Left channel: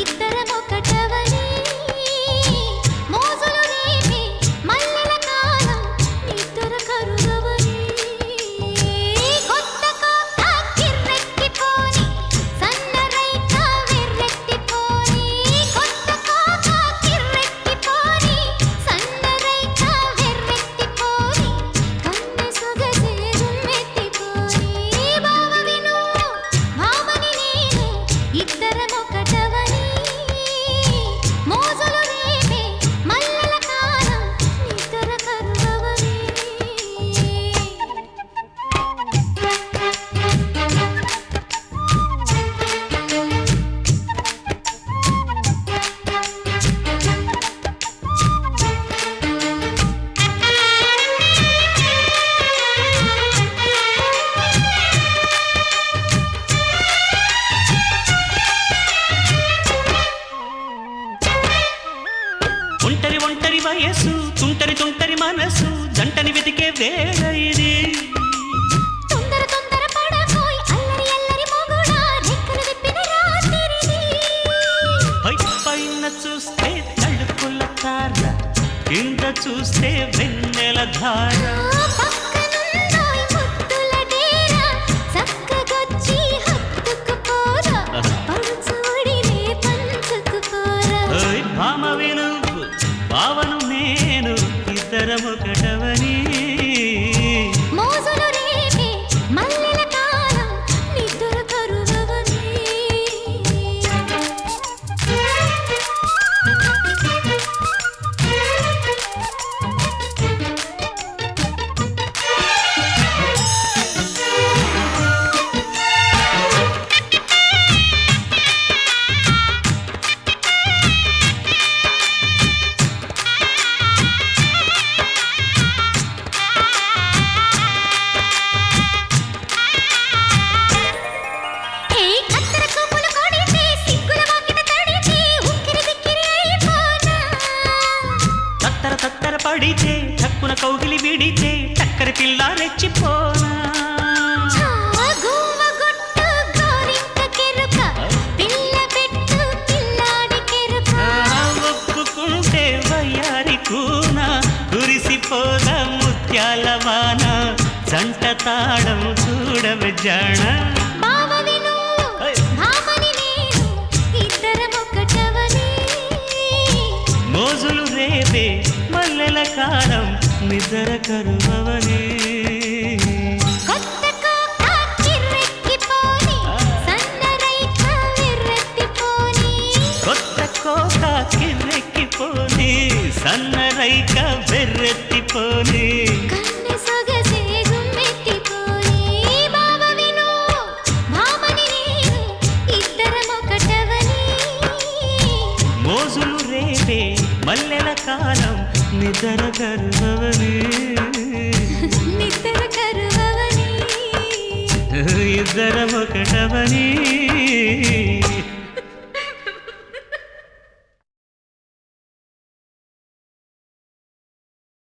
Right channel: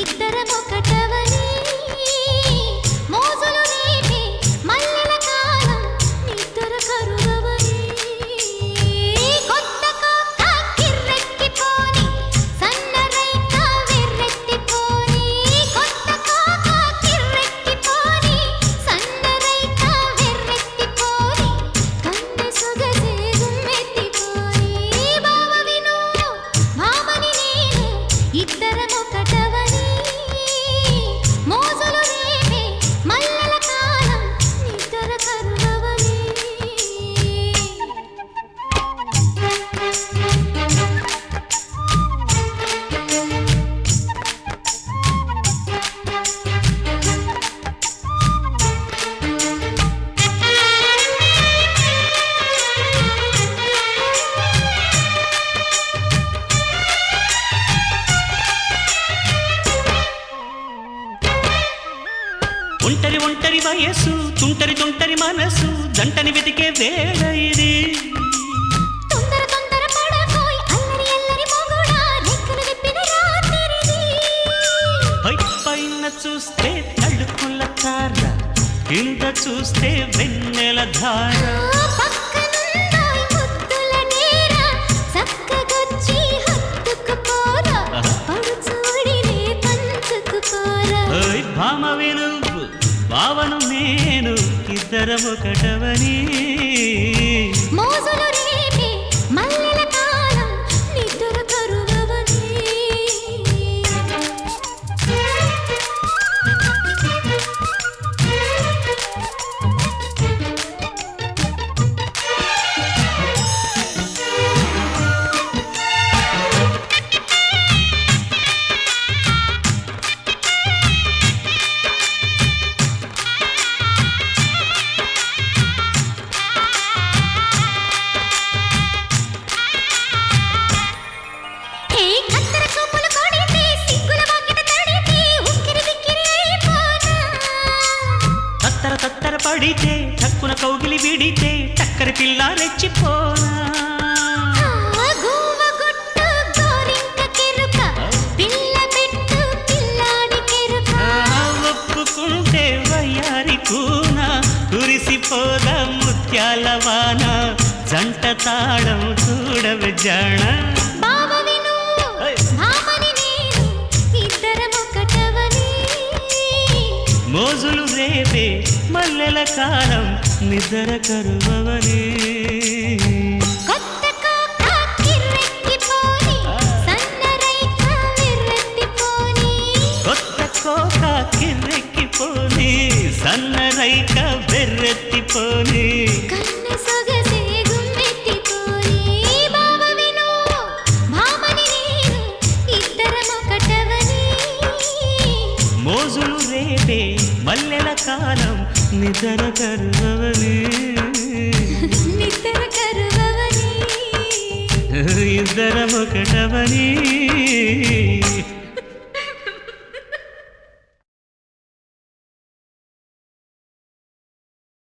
ఇద్దరమొకటవని మోజులు రేపే మల్లెల కాలం నిద్ర కరుగవని కొత్త కోక కిర్రెక్కిపోని సన్నరైక వెర్రెత్తిపోని కొత్త కోక కిర్రెక్కిపోని సన్నరైక వెర్రెత్తిపోని కన్నె సొగసే గుమ్మెత్తిపోని బావ విను భామని నేను ఇద్దరమొకటవని మోజులు రేపే మల్లెల కాలం నిద్ర కరుగవని ఒంటరి ఒంటరి వయసు తుంటరి తుంటరి మనసు జంటని వెతికే వేళ ఇది తొందర తొందర పడకోయ్ అల్లరి అల్లరి మొగుడా రెక్కలు విప్పిన రాత్రిది పై పైన చూస్తే తళుకుల తార కింద చూస్తే వెన్నెల ధార పక్కనుందోయ్ ముద్దుల డేరా చక్కగొచ్చి హత్తుకుపోరా పడుచోడినే పంచుకుపోరా ఓయ్ భామ విను భావను నేను ఇద్దరమొకటవని మోజులు రేపే మల్లెల కాలం నిద్ర కరుగవని ఏ కత్తెర చూపులు కొడితే సిగ్గుల వాకిట తడితే ఉక్కిరి బిక్కిరి అయిపోనా తత్తర తత్తర పడితే చక్కున కౌగిలి విడితే టక్కరి పిల్ల రెచ్చిపోనా గువ్వ గుట్టు గోరింక కెరుక పిల్ల పెట్టు పిల్లాడి కెరుక ఒప్పుకుంటే వయ్యారి కూన కురిసిపోద ముత్యాల వాన జంట తాళం చూడవే జాణ బావ విను భామని నేను ఇద్దరమొకటవని మోజులు రేపే మల్లెల కాలం నిద్ర కరువవని కొత్త కోక కిర్రెక్కిపోని సన్నరైక వెర్రెత్తిపోని కొత్త కోక కిర్రెక్కిపోని సన్నరైక వెర్రెత్తిపోని కన్నె సొగసే గుమ్మెత్తిపోని బావ విను భామని నేను ఇద్దరమొకటవని మోజులు రేపే మల్లెల కాలం నిద్ర కరువవని నిద్ర కరువవని ఇద్దరమొకటవని